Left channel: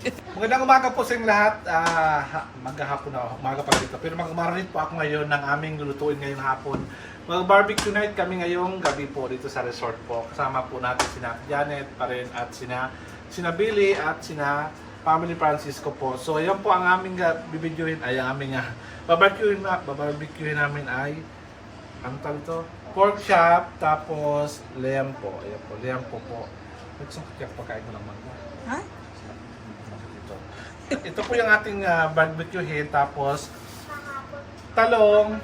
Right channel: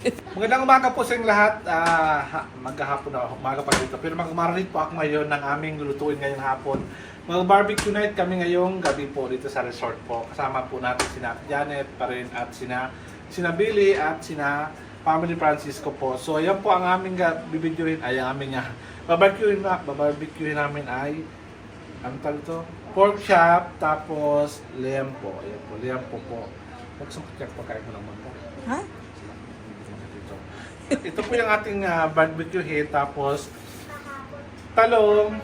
Magandang umaga po sa inyong lahat. Maghahapon na, umaga pa dito. Pero mag-marinate po ako ngayon ng aming lulutuin ngayong hapon. Mag-barbecue night kami ngayong gabi po dito sa resort po. Kasama po natin sina Janet pa rin at sina Billy at sina Family Francisco po. So yan po ang aming bibidyohin ay ang aming babarbecuehin namin ay ano tawag ito? Pork chop tapos liam po. Ayan po, liam po. Nagsungkit yung pagkain ko ng mangga. Ha? Ito po yung ating barbecue head, tapos talong,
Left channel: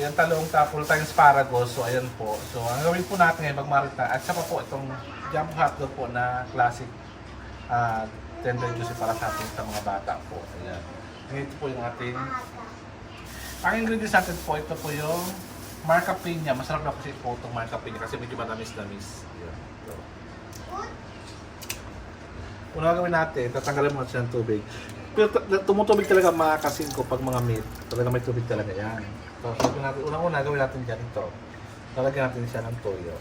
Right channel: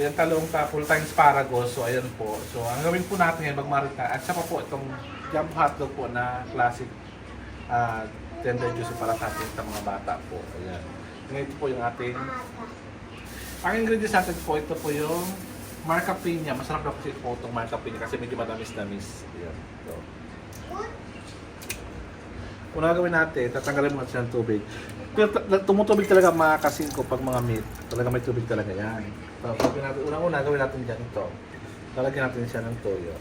ayan talong, tapos tayong asparagus, so ayan po. So ang gawin po natin ngayon magmarita, at saka po itong jumbo hotdog po na classic tender juice para sa ating sa mga bata po. Ayan. Ito po yung ating, ang ingredients natin po, ito po yung marca piña. Masarap na kasi po itong marca piña kasi medyo madamis-damis. Ayan. So, una gawin natin, tatanggalin mo natin ng tubig. Pero tumutubig talaga makakasin ko pag mga meat. Talaga may tubig talaga yan. So, unang-una gawin natin dyan ito. Lalagyan natin siya ng toyo.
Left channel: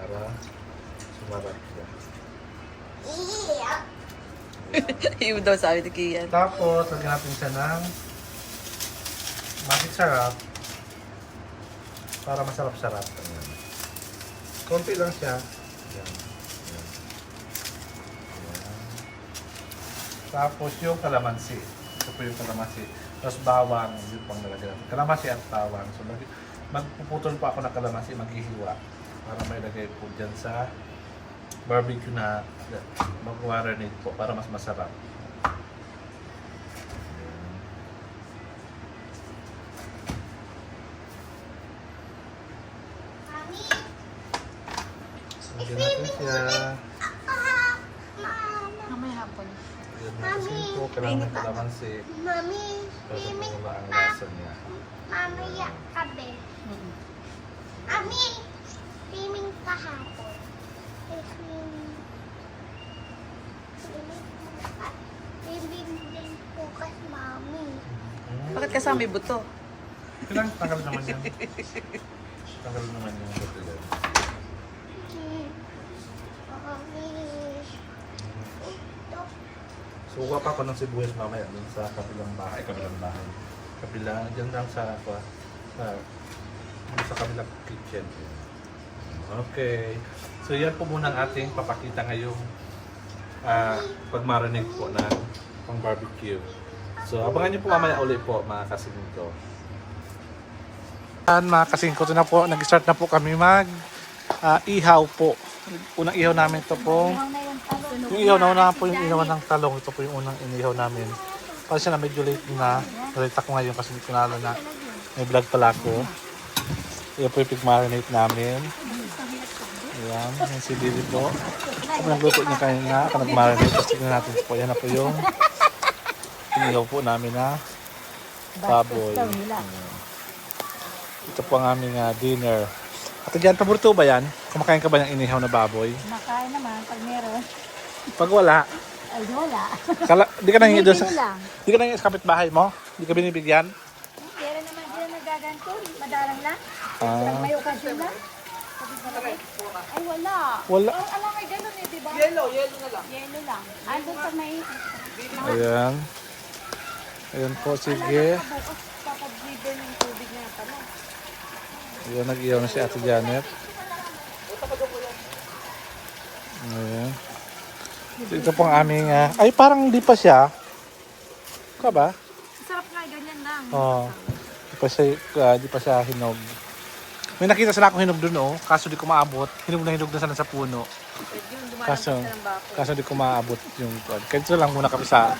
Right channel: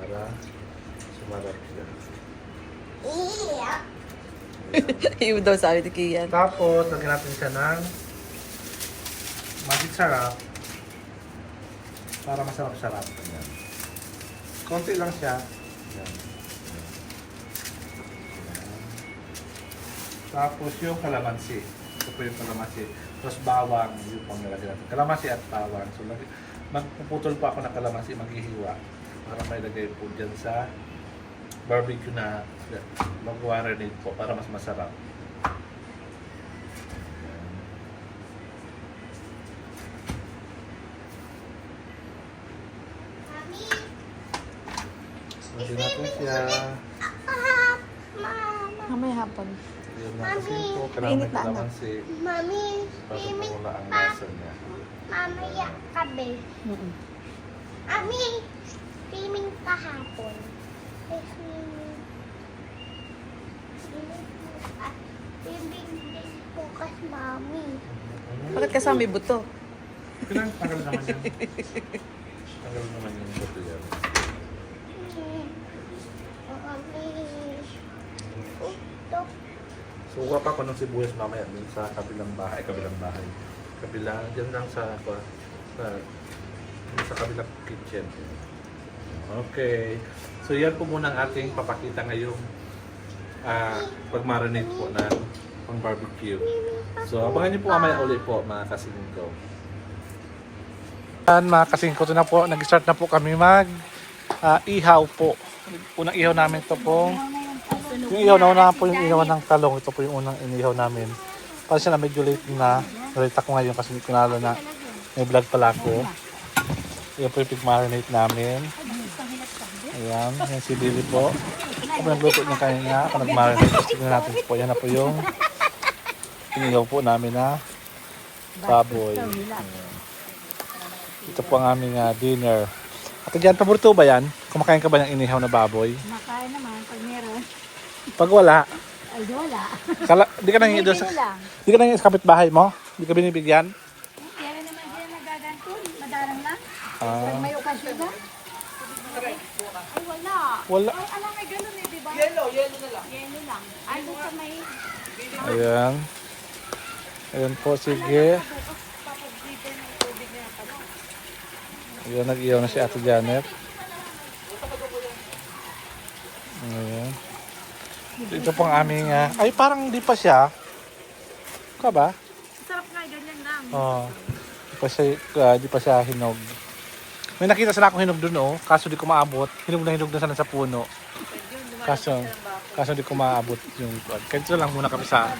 Para sumarap siya. Yung daw sabi ni Kian. Tapos, lagyan natin siya ng magic sarap. Para masarap-sarap. Ayan. Konti lang siya. Ayan. Tapos yung kalamansi. Ito po yung kalamansi. Tapos bawang, yung pang nilagay natin. Kalamansi at bawang. So magpuputol pa ako ng kalamansi, maghihiwa. Para may lagay po dyan sa barbecue na mag-marinate po para mas masarap. So, lagyan natin siya. Mamaya hapon. Yun na kasi po, Mainit kailangan na, kasi Mami, tapos na wala ang lasa niya. mamaya kabe. Mami, swimming kahapon. Swimming bukas, mami. Bakit kasama may buto? Kailangan tagal naman yun. Tagal naman yung buto yun. Mami. Ito. Suka pa ako ng sibuyas mamaya dun sa kabilang bahay. Kabilang, dyan lang sa kabilang kitchen. Okay. So yan po muna ang ating papakita ngayong pag-marinate po ng pang barbecue. So abangan niyo po mamaya ulit po mga kasingko. Yan mga kasingko, ito na po. Nag-start na po kami ihaw po. Unang ihaw namin ito po. Yung ihaw na una po yung ihaw ng talong. Ito po yung unang inihaw namin. Para siya na medyo late na. Nalita ko ngayon kasi hindi ko nalo na may vlog pala ako. Ito po yung pig-marinate namin. Ayan, yung si Billy po. Kung nagluto niya kanina, ako nag-marinate. Tapos tignan natin po. Yan na po yung inihaw po namin na baboy. Ayan. Ito po ang aming dinner. At dyan, paborito ba yan? Kumakain ka ba ng inihaw na baboy? Makain naman pag meron. Pag wala, Ay, wala. di ka nangyay doon sa... Di ka nangyay sa kapitbahay mo? Di ka binibigyan? Kaya naman sila nagaganto. Madalang lang. Ah, Pag may okasyon lang. Ay, wala. wala. Ay, alam, may ganun eh, di ba? Yellow na lang. Yellow lang. Ay, doon pag may... Ayan. Ayan po, sige. Ayan, nag-iyaw na si Ate Janet. Ayan. Ito pong aming... ay, parang hindi pa siya. Ka ba? Sarap nga, ganyan lang. Oo. Di pa siya hinog. May nakita sana akong hinog dun, oh. Kaso di ko maabot. Hinog na sana sa puno. Kaso di ko maabot yung... Kaya ito lang muna kami sa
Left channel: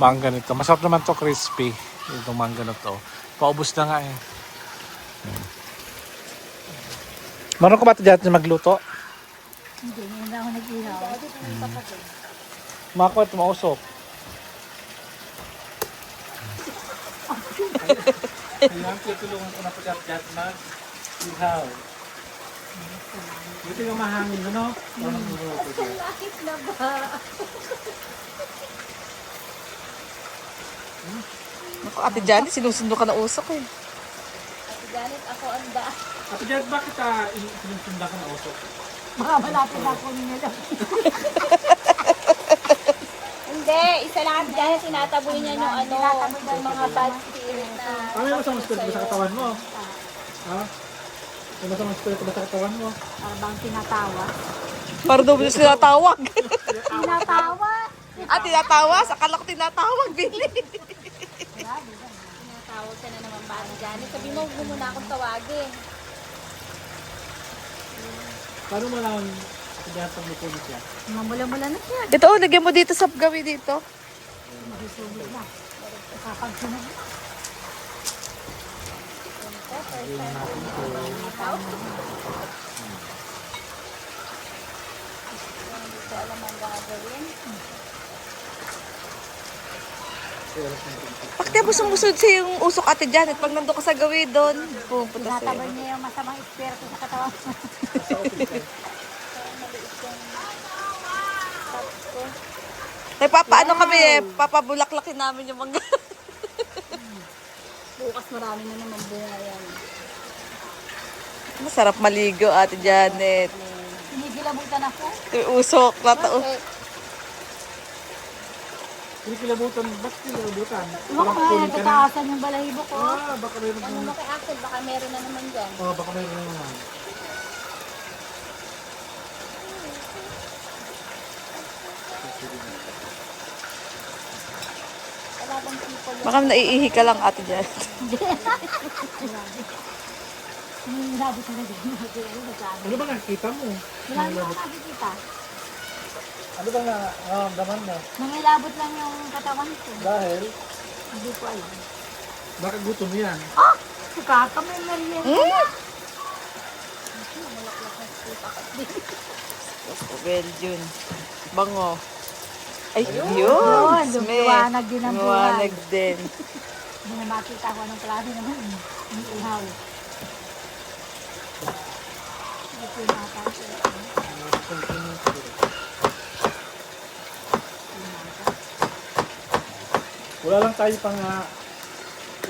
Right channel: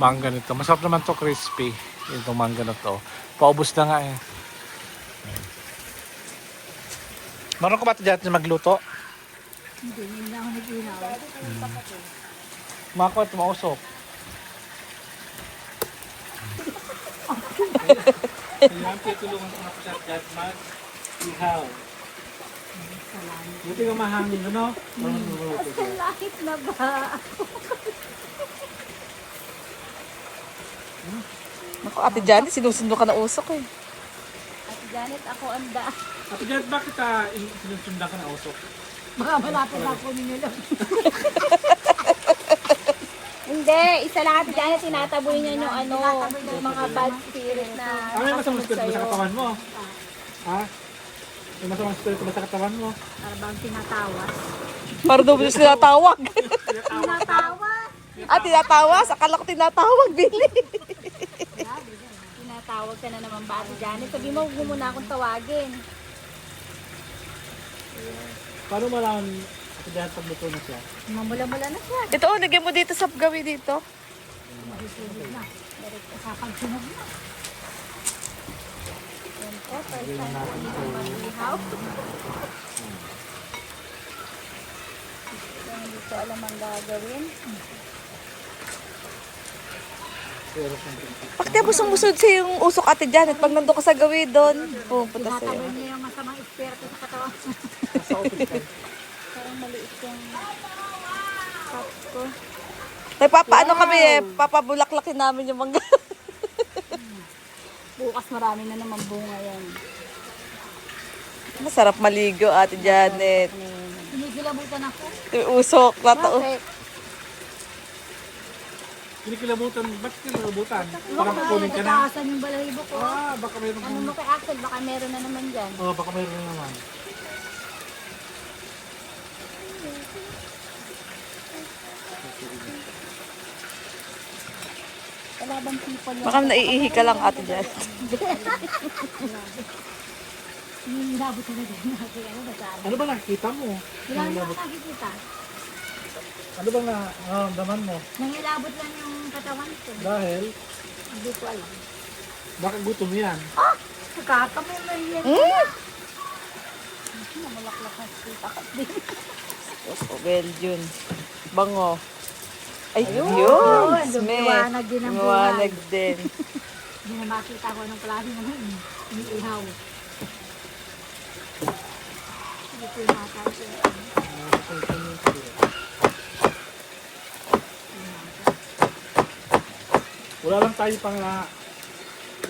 mangga nito. Masarap naman to, crispy. Itong mangga na to. Paubos na nga eh. Meron ko ba ito dyan magluto? Hindi, hindi na ako nag-ihaw. Mako, tumausok. Kailangan tutulungan ko na po siya at mag-ihaw. Buti ka mahangin, ano? Parang nagluto siya. Bakit na ba? Naku, Ate Janet, sinusundo ka na usok eh. Galit ako anda. Ate Janet, bakit sinusundan ka na usok? Baka malapit ako nila. Hindi, Hindi, isa lang ate Janet, tinataboy niya yung ano, yung mga bad spirit na... May masamang spirit ba sa katawan mo? Ha? May masamang spirit ba sa katawan mo? Habang tinatawa. Para daw mo tinatawag. Tinatawa? Tinatawas? Akala ko tinatawag, Billy. Tinatawag ka na naman ba ate Janet? Sabi mo, huwag mo muna akong tawagin. Paano mo lang ako dahil pagluto na siya? Mula-mula na siya. Ito, lagyan mo dito sa gawi dito. Kakagsunod na. Lagyan natin ito. Hindi ko alam ang gagawin. Bakit kaya mo sumusunod sa yung usok ate Janet? Pag nandun ka sa gawi doon, pupunta sa'yo. Tinataboy niya yung masamang espiritu sa katawan. Sa office ko. Parang maliit yung top ko. May papaano kami papabulaklakin namin yung mga... Bukas marami na naman bunga yan. Masarap maligo ate Janet. Hinihilabog ka na po. Ito yung usok. Kinikilabutan, ba't kinikilabutan? Parang kukunin ka na. Tataasan yung balahibo ko. Baka mayroon Ano mo kay Axel, baka meron na naman dyan. baka mayroon na naman. Kalabang people. Baka naiihi ka lang ate Janet. Hinihilabog ka na dyan. Ano ba nakikita mo? Wala na nakikita. Ano bang nararamdaman mo? Nangilabot lang yung katawan ko. Dahil, Hindi ko alam. baka gutom yan. Kakamulan yan. Opo, Belgian. Bango. Ay, yun. Lumiwanag din ang Lumiwanag din. Hindi na makita ko ng klase naman. Iniihaw. Hindi ko yung mapansin. Wala lang tayo pang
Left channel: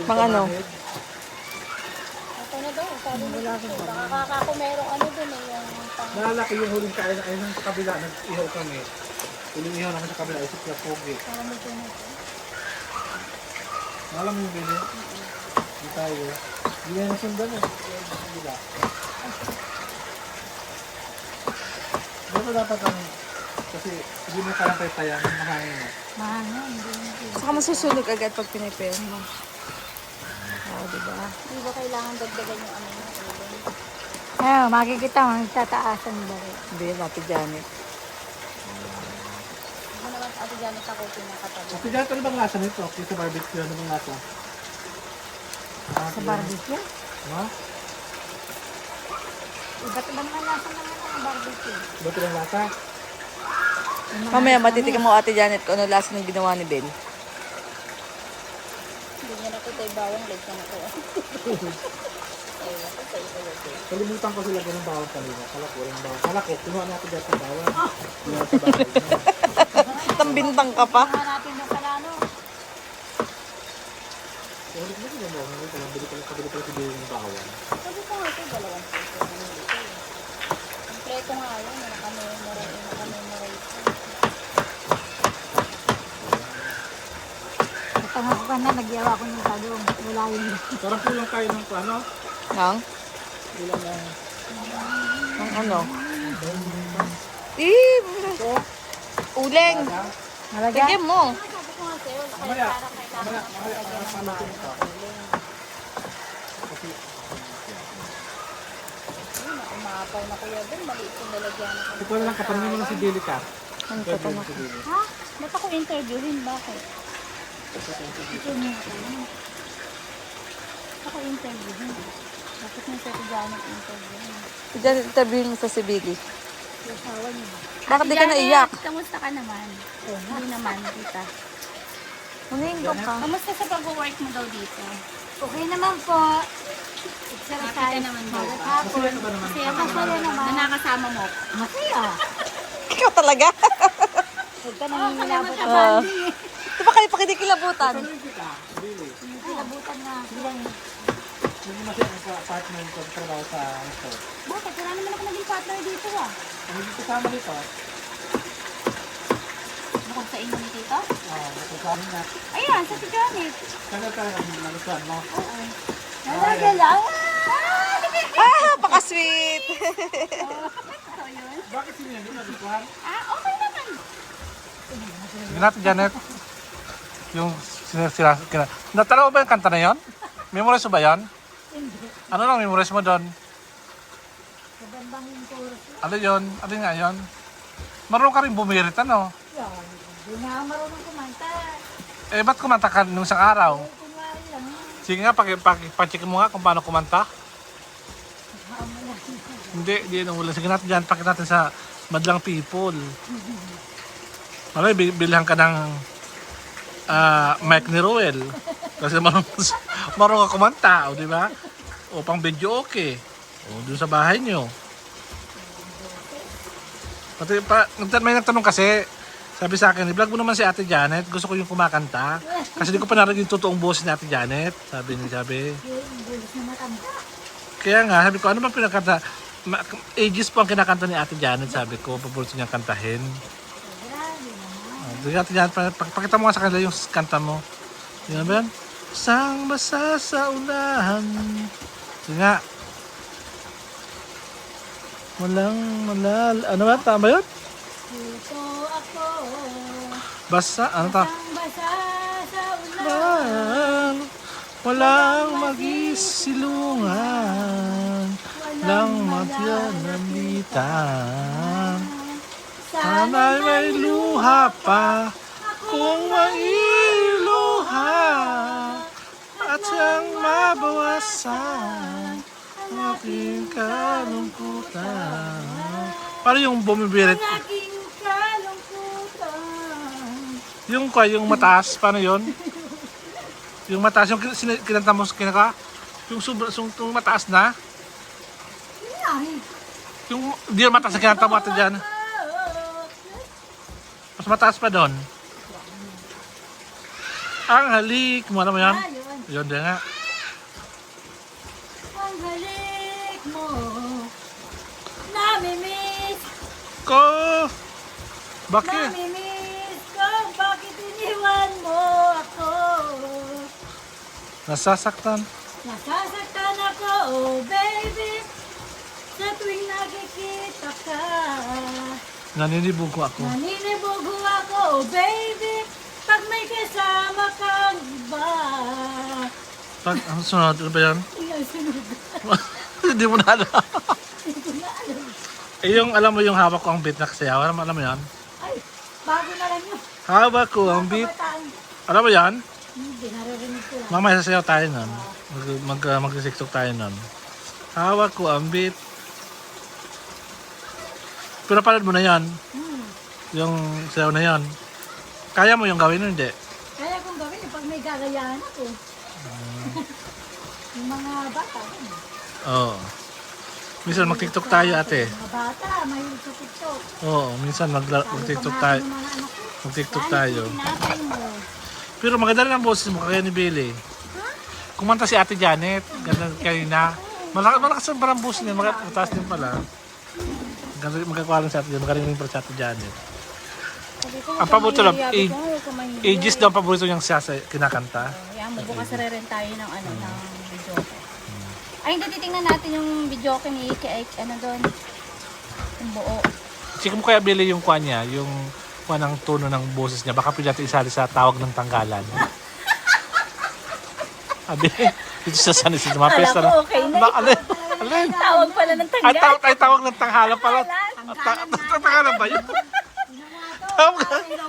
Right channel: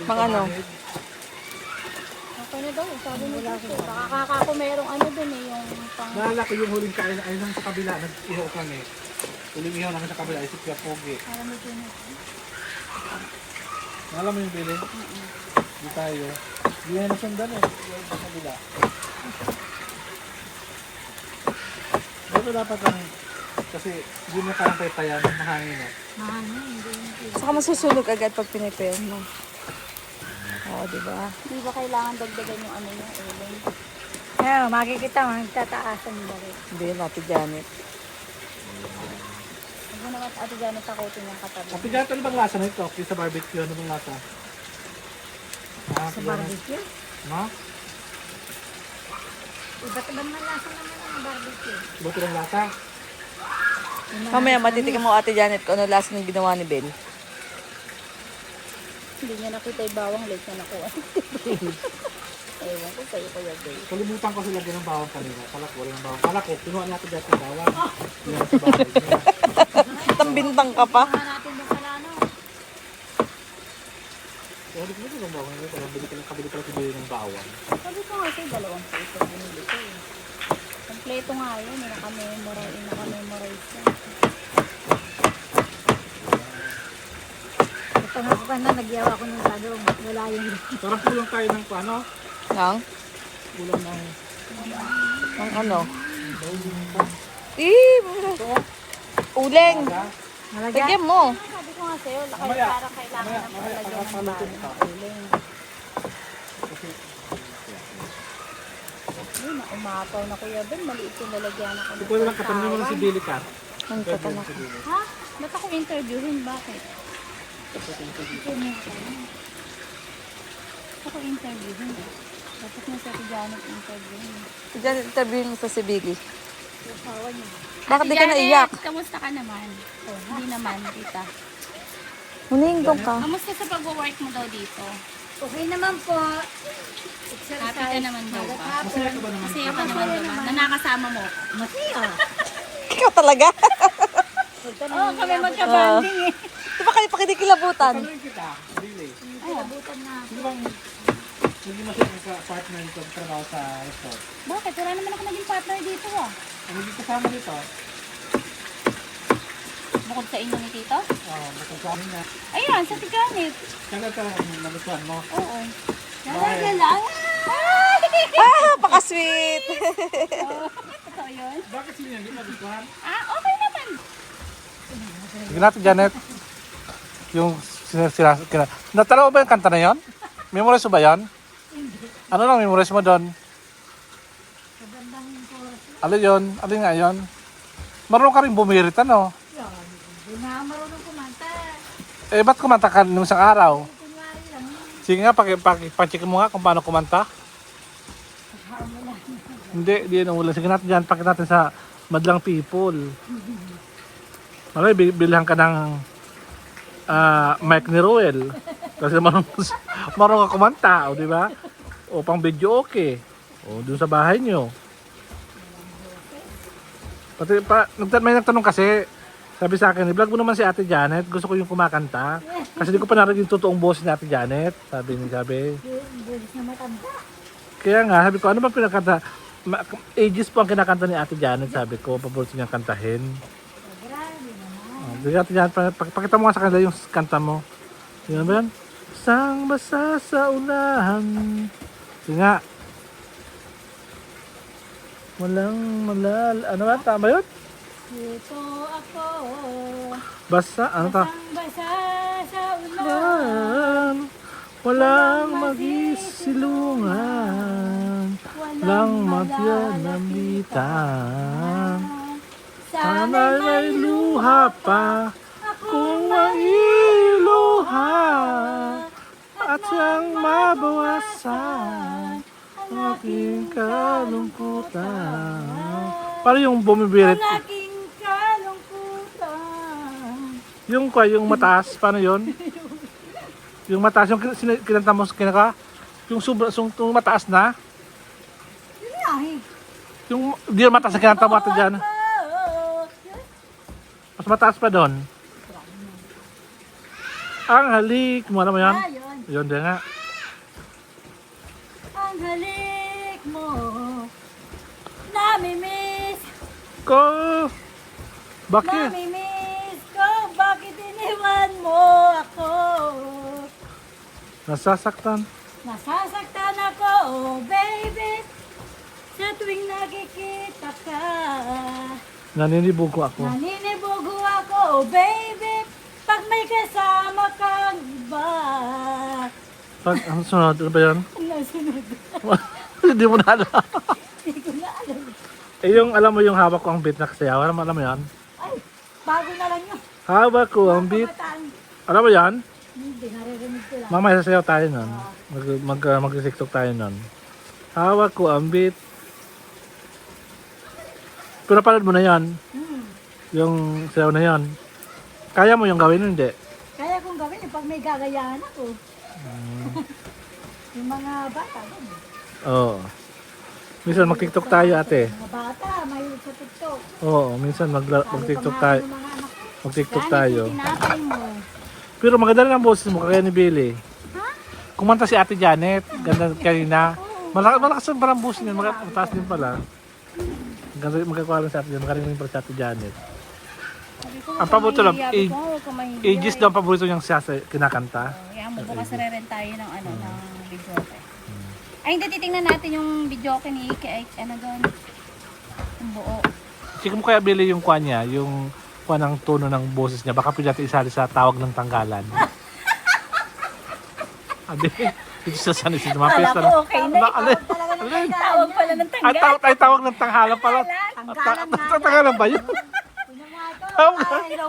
Pang ano? Okay na daw. Sabi mo dito. Baka kakako merong ano dun eh. Yung pang... Naalala ko yung huling kain ay nung sa kabila, nag-ihaw kami. Huling ihaw namin sa kabila ay si Pia Pogi. Alam mo dun. Naalala mo yung biling? Di tayo. Di na nasundan eh. Sa kabila. Dito dapat ang, kasi hindi mo kayang paypayan, mahangin eh. Mahangin. Hindi. Saka masusunog agad pag pinipayan mo. Oo, diba? Hindi ba kailangan dagdagan yung ano yung ulam? Makikita mo. Nagtataasan nila. Hindi, ate Janet. Ako naman ate Janet ako yung katabi. Ate Janet, ano bang lasa nito? Yung sa barbecue, ano bang lasa? Sa barbecue? No? Iba't ibang malasa naman ang barbecue. Iba tilang lasa? Mamaya matitikan mo ate Janet kung ano lasa ng ginawa ni Ben. Hindi niya nakita yung bawang late na nakuha. Ayun, ito sa'yo kayo. Kalimutan ko sila ganun bawang kanina. Kala ko, wala ng bawang. Kala ko, kinuha natin dati yung bawang. Yung sa bahay niya. Tambintang ka pa. Mga natin na pala ano. Kaya hindi ko na bawang. Kabili pala si Billy ng bawang. Sabi ko nga sa'yo, 2 peso binili ko eh. Kompleto nga yun, naka-memorize. Ito nga ako na, nagyawa ko ng talong. Wala yun. Parang kulang tayo ng ano? Nang? Kulang ng... Nang ano? Eh, uleng. Tigyan mo. Sabi ko nga sa'yo, Mamaya, pangasalutin ka. Kasi, yun, umataw na kuya Ben, maliit yung lalagyan na kami. ito lang katanungin mo na si Billy ka. Ang tatanong. Ha? Ba't ako interviewin? Bakit? Ako interviewin. Dapat nga sa Janet interviewin. Diyan, interviewin mo sa si Billy. Ewan niyo. Bakit di ka naiyak? Kamusta ka naman? Hindi naman, tita. Hunin doon ka. Kamusta sa pag-work mo daw dito? Okay naman po. Happy ka naman daw ba? Masaya ka ba naman? Masaya ka naman daw ba? Na nakasama mo ko? Masaya. Ikaw talaga. Oo, kami magka-banding eh. Di ba kayo pakinikilabutan? Tanungin kita, Billy. Kinabutan na. Sino bang hindi masaya ang ka-partner ko trabaho sa restaurant? Bakit? Wala naman ako naging partner dito ah. Ano yung kasama dito? Bukod sa inyo ni Tito? Oo, nakukuha na. Ayan, sa Tijanit. Kaya talaga nagustuhan mo. Oo. Nalagyan lang. Paka-sweet. Totoo yun? Bakit sino hindi nagustuhan? Okay naman. Sige natin, Janet. Yung natalaw ba yung kanta na yon? Memorize mo ba yan? Ano lang memorize mo doon? Ano yun? Ano nga yun? Marunong ka rin bumirit, ano? Hindi na ako marunong kumanta. Eh, ba't kumanta ka nung isang araw? Kunwari lang yun. Sige nga, pacheck mo nga kung paano kumanta. Hindi na wala. Sige natin dyan, pakita natin sa madlang people. Malay, bilhan ka ng mic ni Ruel. Kasi marunong ka kumanta, o di ba? O pang video okay. O doon sa bahay nyo. Pati may nagtanong kasi, sabi sa akin, i-vlog mo naman si Ate Janet, gusto ko yung kumakanta. Kasi di ko pa narinig yung totoong boses ni Ate Janet. Sabi. Yung bulis na matanda. Kaya nga, sabi ko, ano ba pinakanta? Ages po ang kinakanta ni Ate Janet, sabi ko, paborito niyang kantahin. Grabe naman. Sige Ate Janet, pakita mo nga sa kanila yung kanta mo. Sige ba yan? Sang basa sa unahan. Sige nga. Walang ano ba? Tama yun? Ito ako. Basa, ano ta? Basa sa ulan. Walang, walang magisilungan. Walang magyanamitan. Sana'y may luha pa. Kung mailuha. At siyang mabawasan ang aking kalungkutan. Para yung bumibirit. Ang aking kalungkutan. Yung mataas, paano yun? Yung mataas, yung kinanta mo kinaka? Yung mataas na? Yun nga eh. Yung di yung mataas na kinanta mo ito dyan. Mas mataas pa doon. Ang halik mo, alam mo yan? Yun. Yun din nga. Ang halik mo. Namimiss. Ko! Bakit? Namimiss ko. Bakit iniwan mo ako? Nasasaktan. Nasasaktan ako, oh baby. Sa tuwing nakikita ka. Naninibugo ako. Naninibugo ako, oh baby. Pag may kasama kang iba. Pag, ano sunod? Ano ba yan? Nasunod. Hindi mo na alam. Hindi ko na alam. Eh yung alam mo yung hawak ko ang beat na kasayaw. Alam mo yan? Ay, bago na lang yun. Hawak ko ang beat. Kabataan. Alam mo yan? Hindi, naririnig ko lang. Mamaya sasayaw tayo nun. Mag-tiktok tayo nun. Hawak ko ang beat. Pero napanood mo na yan. Yung sayaw na yan. Kaya mo yung gawin, hindi? Kaya kong gawin yung pag may gagayahan ako. Yung mga bata, ganun. Oo. Minsan mag-tiktok tayo, ate. Mga bata, mahilig sa TikTok. Oo, minsan mag-tiktok tayo. Yung mga anak ko, Mag-tiktok tayo. tinatay mo. Pero maganda rin ang boses mo, kagaya ni Billy. Kumanta si Ate Janet, ganda kanina. Malakas ang parang boses niya, mataas din pala. Magkakuha lang si Ate Janet, magaling rin pala si Ate Janet. Ang paborito lang, ages daw ang paborito niyang siya sa kinakanta. Yan, bukas rin tayo ng ng videoke. Ay, hindi titingnan natin yung videoke ni ano doon. Yung buo. Sige mo kaya Billy yung kuha niya, yung kuha ng tono ng boses niya. Baka pwede natin isali sa tawag ng tanggalan. Abi, dito sa San Isidro, mga pesta na. Okay na. Alin? Tawag pala ng tanggal. Ay, tawag ng tanghalan pala. Tanghalan ba yun?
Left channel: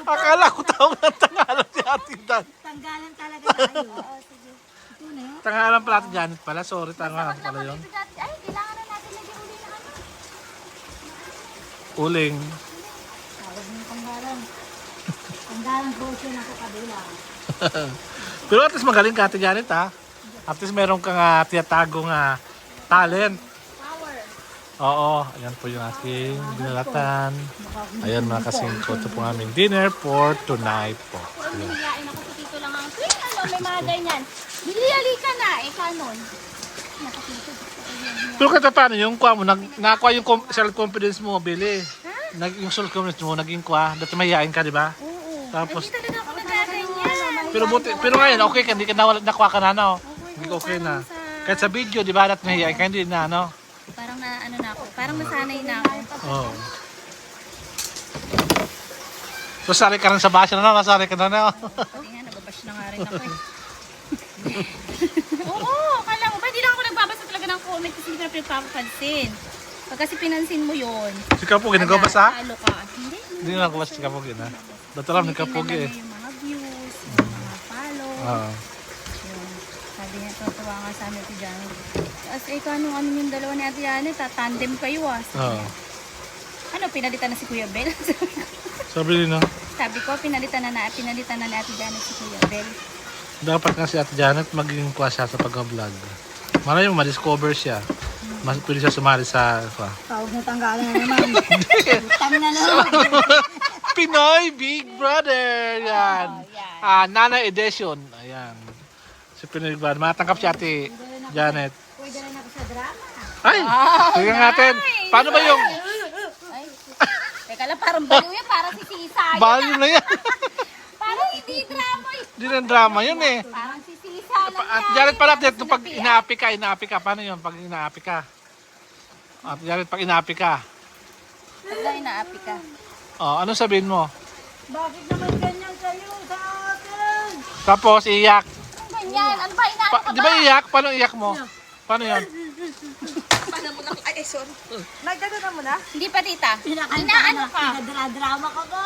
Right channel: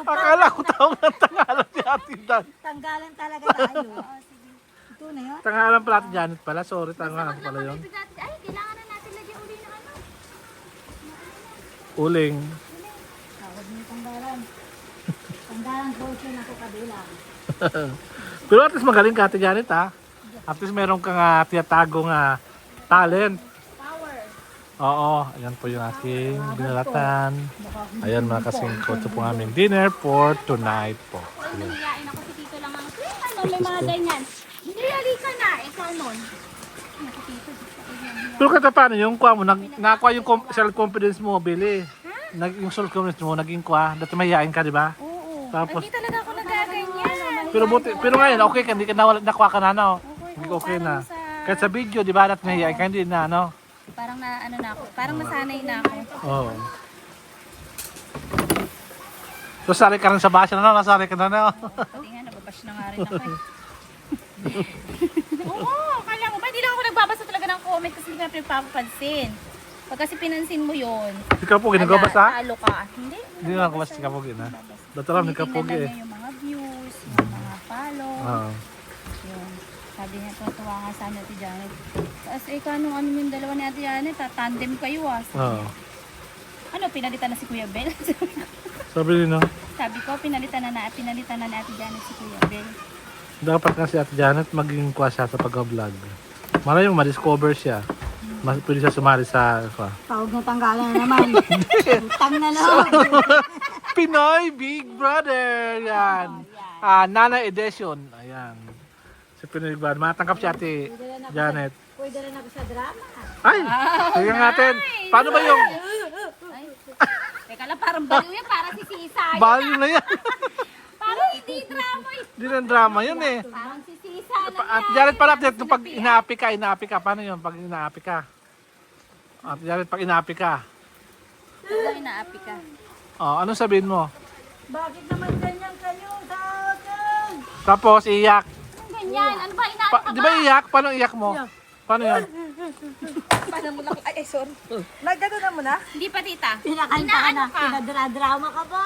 Akala ko tawag ng tanghalan si Ate Dan. Tanggalan talaga tayo. Sige. Ito na yun. Tanghalan pala Ate Janet pala. Sorry, tanghalan pala yun. Ay, kailangan na natin lagyan uli na ano. Uling. Tawag ng tanggalan. Tanggalan po siya nakakabila. Pero at least magaling ka Ate Janet ha. At least meron kang tiyatagong talent. Oo, ayan po yung aking binalatan. Ayan mga kasingko, ito po ang aming dinner for tonight po. Ayan. Hiyain ako si Tito lang ang may mga ganyan. Hili ka na, ikaw nun. Pero kahit paano yung kuha mo, nakakuha yung self-confidence mo, Billy. Yung self-confidence mo, naging kuha. Dati mahihain ka, di ba? Oo. Tapos, Hindi talaga ako nagaganyan. pero ngayon, okay ka, hindi ka nakuha ka na, no? Hindi okay parang na. Kahit sa video, di ba, nahihiya ka, hindi na, no? Parang na ano na ako, parang nasanay na ako. Oo. So, sari ka rin sa basya na, nasari ka na, no? Pati nga, nababash na nga rin ako eh. Oo, kala mo ba? Hindi lang ako nagbabasa talaga ng comment kasi hindi ko na pinagpapansin. Pag kasi pinansin mo yun, Si Kapugi, nagkabasa? talo ka. Hindi. Hindi na nagkabasa si Kapugi, na. Dito lang, ni Kapugi, eh. Tinitingnan niya yung mga views, yung mga follow. Oo. Yun. Sabi niya, tuwa nga sa amin Ate Janet. Tapos eh, kanong ano yung dalawa ni Ate Janet, tandem kayo ah. Oo. Ano, pinalitan na si Kuya Bel? Sabi din, no? Sabi ko, pinalitan na ni Ate Janet si Kuya Bel. Dapat nga si Ate Janet maging kwa siya sa pag-vlog. Malay mo, ma-discover siya. Pwede siya sumali sa Tawag mo tanggalan na naman. Utang na lang. Pinoy Big Brother. Yan. Nana Edition. Ayan. Si Pinoy Big Brother. Matangkap si Ate Janet. Pwede rin ako sa drama. Ay! Tingnan natin. Paano ba yung Teka lang, parang baliw yan, parang si Sisa. value na yan? Parang hindi drama yun. Hindi na drama yun eh. Parang si Sisa lang. At Janet pala, pag inaapi ka. Paano yun pag inaapi ka? At Janet, pag inaapi ka. Wala, inaapi ka. Oh, anong sabihin mo? Bakit naman ganyan kayo sa akin? Tapos iyak. Anong ganyan? Ano ba, inaapi ka Di ba iyak? Paano iyak mo? Paano yun? Paano mo na? Ay, sorry. Nagdadala mo na? Hindi pa, tita. Inaano ka? Pinadra-drama ka pa.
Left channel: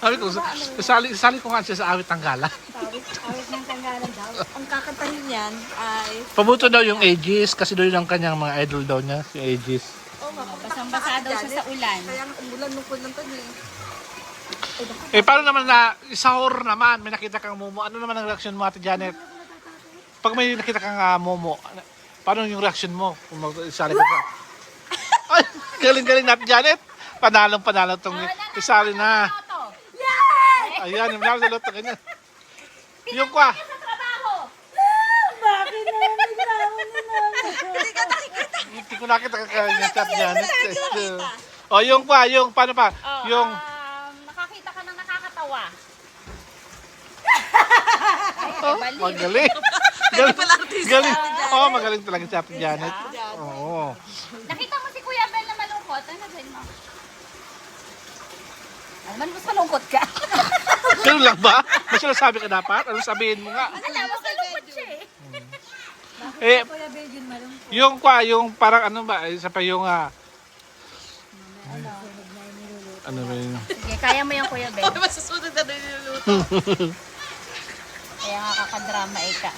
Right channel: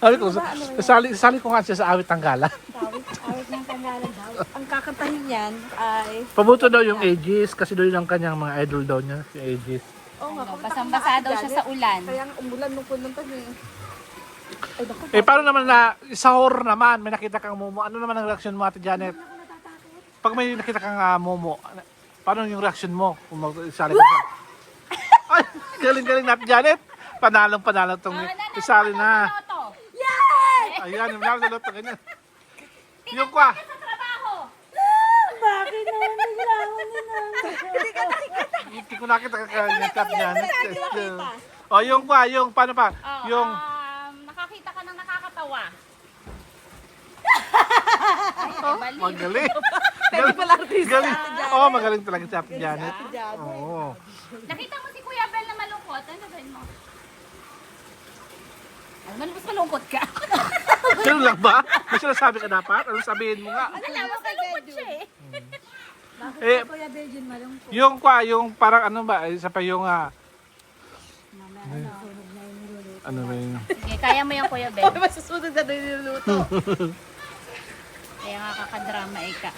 Sabi ko, sali ko nga siya sa awit Tanggala. Awit ng tanggalan daw. Ang kakantahin niyan ay... Pabuto daw yung Aegis kasi doon ang kanyang mga idol daw niya, si Aegis. Basang-basa daw siya sa ulan. Kaya umulan mo po lang tayo Eh eh. paano naman na sa horror naman, may nakita kang Momo. Ano naman ang reaction mo, Ate Janet? Pag may nakita kang Momo, paano yung reaction mo? Kung isali ka sa... Ay, galing-galing natin, Janet. Panalong-panalo itong isali na. Ayan, yung nanalo na loto, ganyan. Yung kwa. Sa trabaho. Bakit naman naglaman na namin? Hindi ko nakita kanya chat Janet. O yung kwa, yung paano pa? Yung Nakakita ka ng nakakatawa. magaling. Galing. Oh, magaling talaga si Ate Janet. Oo. Nakita mo si Kuya Bel na malungkot. Ano gawin mo? Ano man, mas malungkot ka? Ganun lang ba? May sinasabi ka dapat? Ano sabihin mo nga? Wala, mas malungkot siya eh. Eh, Kuya Belgian malungkot. yung kwa, yung parang ano ba? Isa pa yung ano ba yun? Sige, kaya mo yung Kuya Bel. Masusunod na niluluto. Kaya nga kakadrama eh ka.